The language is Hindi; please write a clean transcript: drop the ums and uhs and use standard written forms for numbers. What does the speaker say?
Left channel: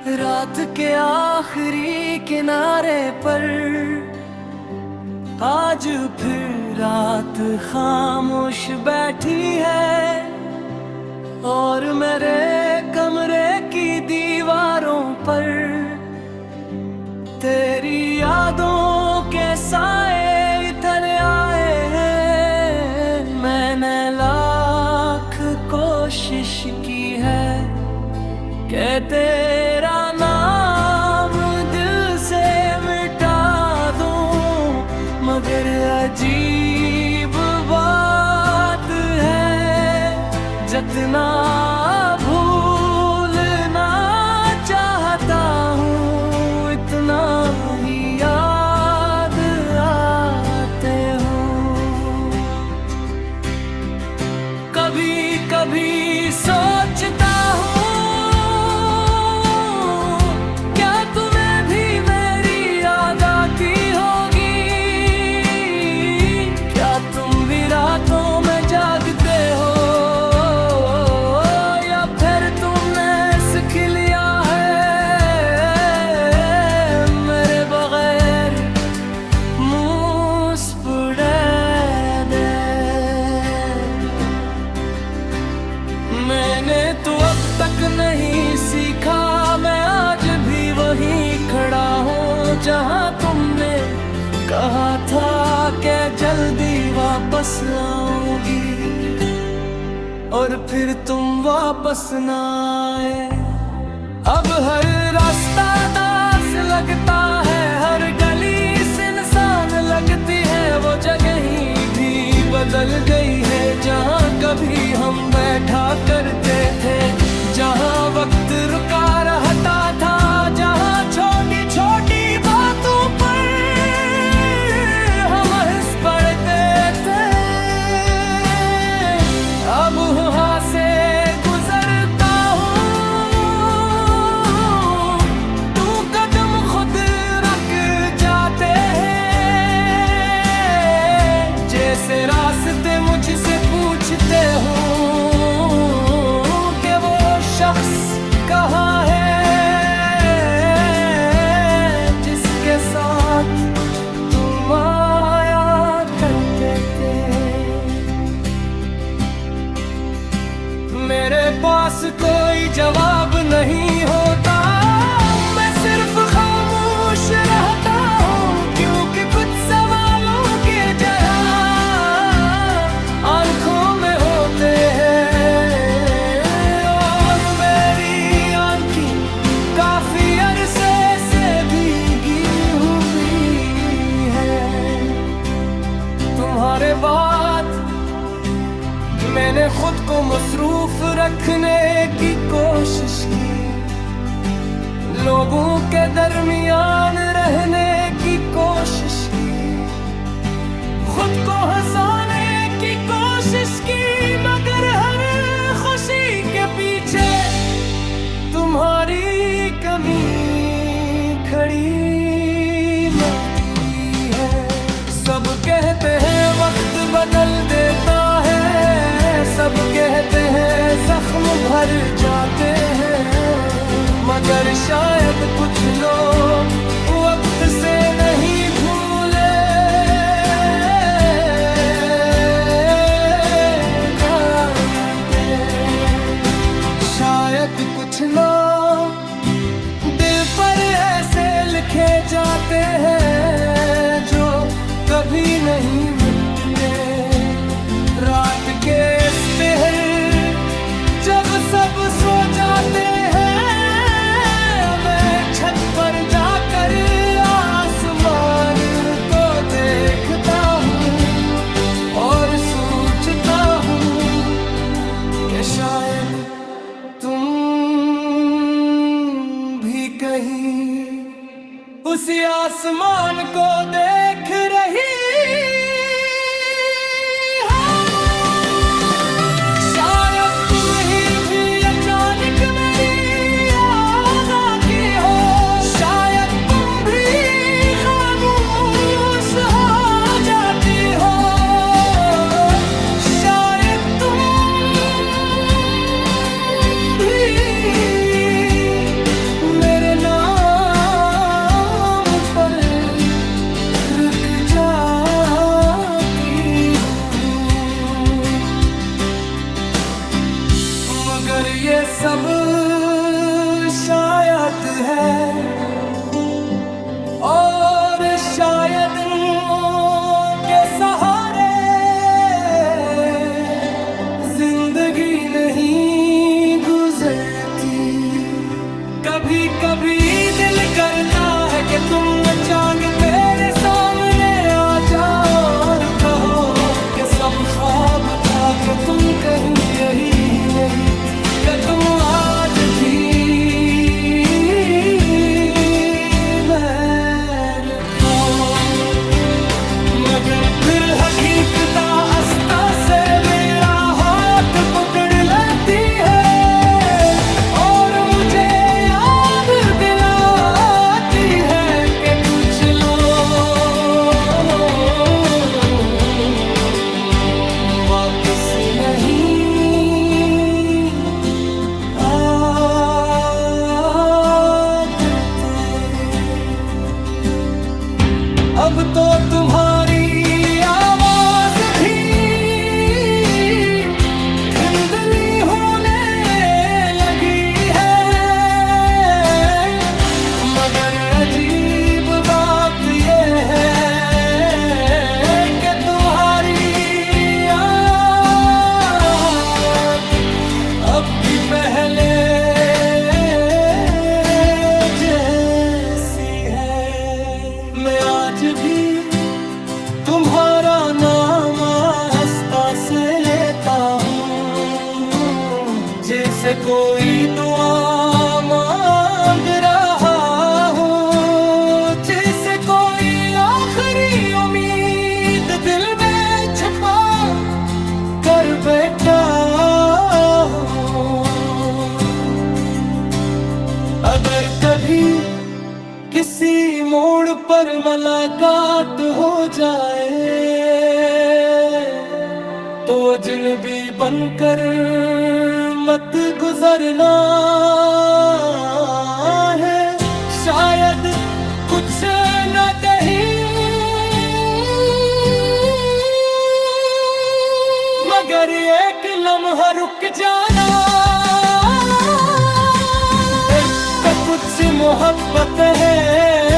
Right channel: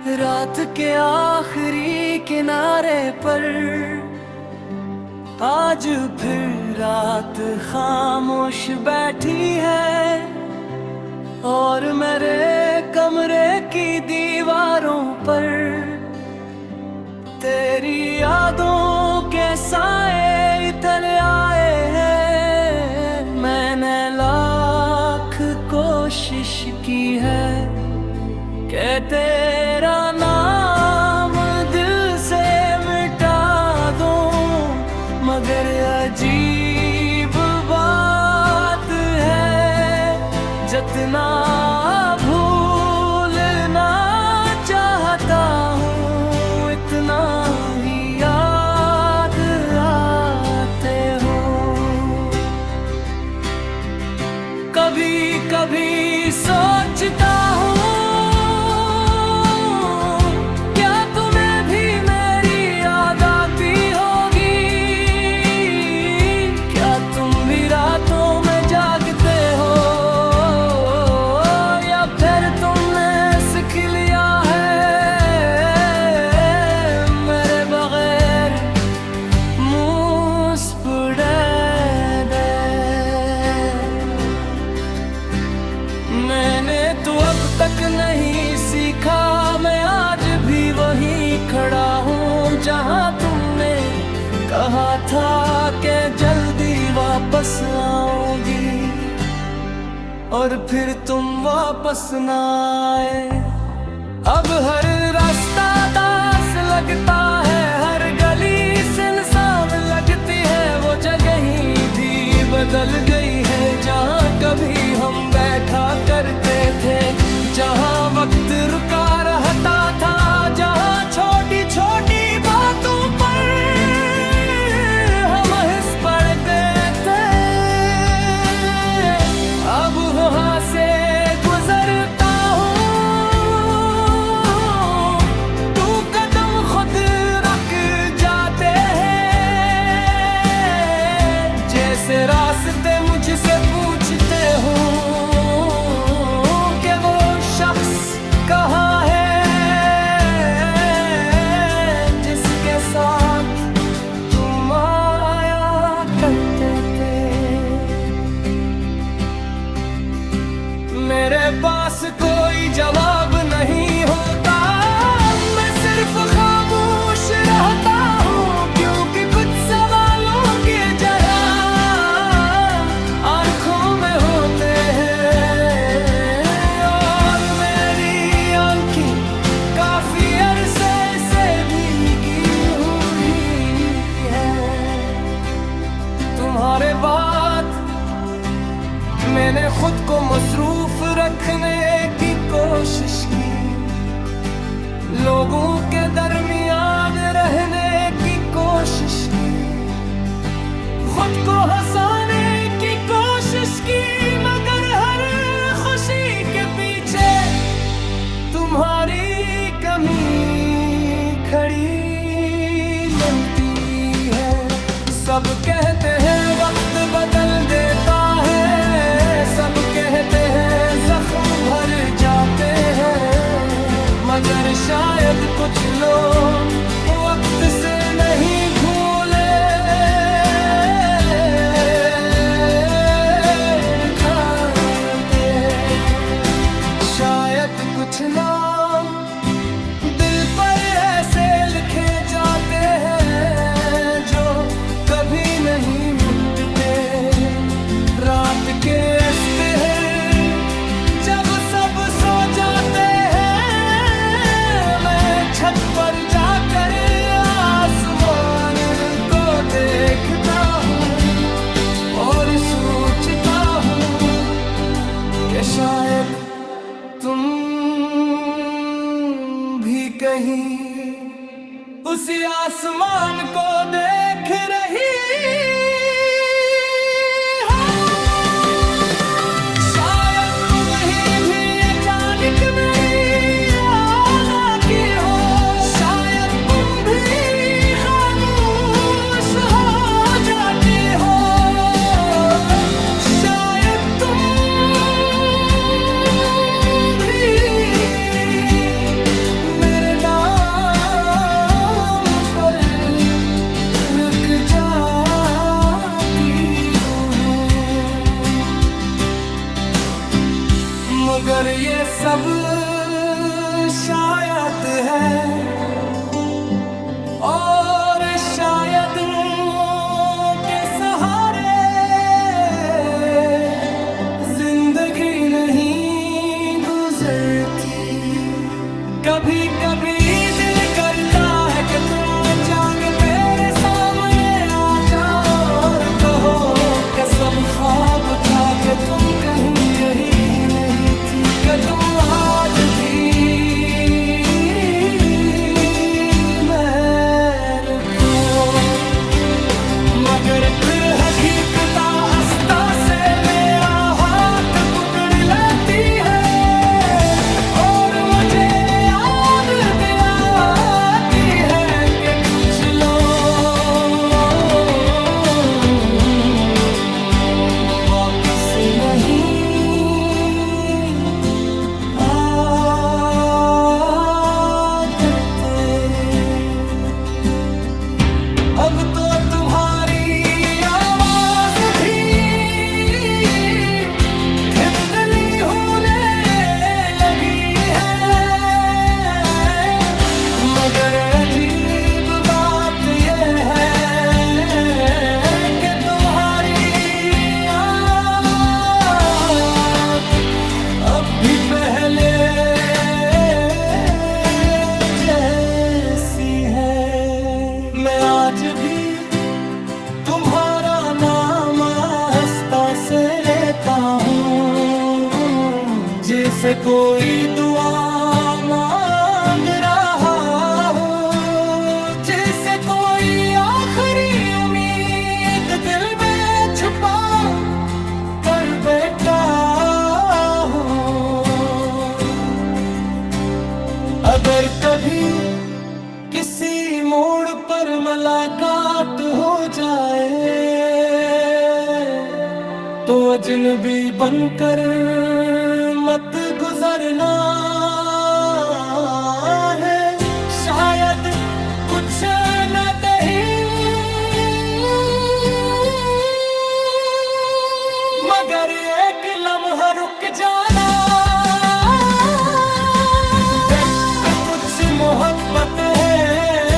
रात के आखिरी किनारे पर आज फिर रात खामोश बैठी है और मेरे कमरे की दीवारों पर तेरी यादों के साए इतने आए हैं। मैंने लाख कोशिश की है कि तेरा नाम दिल से मिटा दूं, मगर अजीब बात है जितना भूलना चाहता हूँ इतना ही याद आते हो। कभी कभी सोचता हूँ तो अब तक नहीं सीखा, मैं आज भी वहीं खड़ा हूँ जहाँ तुमने कहा था कि जल्दी वापस आऊंगी और फिर तुम वापस ना आए। अब हर रास्ता दास लगता है, हर गली सुनसान लगती है, वो जगह ही भी बदल गई है जहाँ कभी हम बैठा करते थे, जहाँ वक्त रुका रहता था, जहाँ छोटी छोटी बातों पर हम हंस पड़ते थे। अब वहाँ से गुजरता हूँ तू कदम खुद रख जाते हैं, जैसे रास्ते मुझसे पूछते हो कि वो शख्स कहाँ है जिसके साथ तुम आया करते थे। मेरे पास कोई जवाब नहीं होता, मैं सिर्फ खामोश रहता हूँ, क्योंकि कुछ सवालों के जवाब आंखों में होते हैं और मेरी आंखें काफी अरसे से भीगी हुई है। तुम्हारे बाद मैंने खुद को मसरूफ रखने की कोशिश की, लोगों के दरमियान रहने की कोशिश की, खुद को हंसाने की कोशिश की, मगर हर खुशी के पीछे तुम्हारी कमी खड़ी मिलती है। सब कहते हैं वक्त बदल देता है, सब कहते हैं जख्म भर जाते हैं, मगर शायद कुछ लोग वक्त से नहीं भूले जाते। शायद कुछ नाम दिल पर ऐसे लिखे जाते हैं जो कभी नहीं मुटते। रात के पहर जब सब सो जाते हैं, मैं छत पर जाकर आसमान को देखता हूँ और सोचता हूँ कि शायद तुम भी कहीं उसी आसमान को देख रही मगर ये सब शायद है और शायद के सहारे जिंदगी नहीं गुजरती। कभी कभी दिल करता है कि तुम चांद मेरे सामने आ जाओ और कहो कि सब ख्वाब था कि तुम कहीं गई ही नहीं थी, कि तुम आज भी मेरे को। मगर फिर हकीकता अस्ता से मेरा हाथ पकड़ लेती है और मुझे याद दिलाती है कि कुछ लोग वापस नहीं अब तो तुम्हारी आवाज भी धुंधली होने लगी है। मगर अजीब बात ये है कि तुम्हारी याद अब भी पहले जैसी है। मैं आज भी तुम्हारा नाम आस्था से लेता हूँ, जैसे कोई दुआ मांग रहा हूँ, जैसे कोई आखिरी उम्मीद दिल में छुपा कर बैठा हूँ। अगर कभी किसी मोड़ पर मुलाकात हो जाए तो अजनबी बनकर मत गुजरना है। शायद कुछ न कहीं मगर एक लम्हा रुक जाना। कुछ मोहब्बत है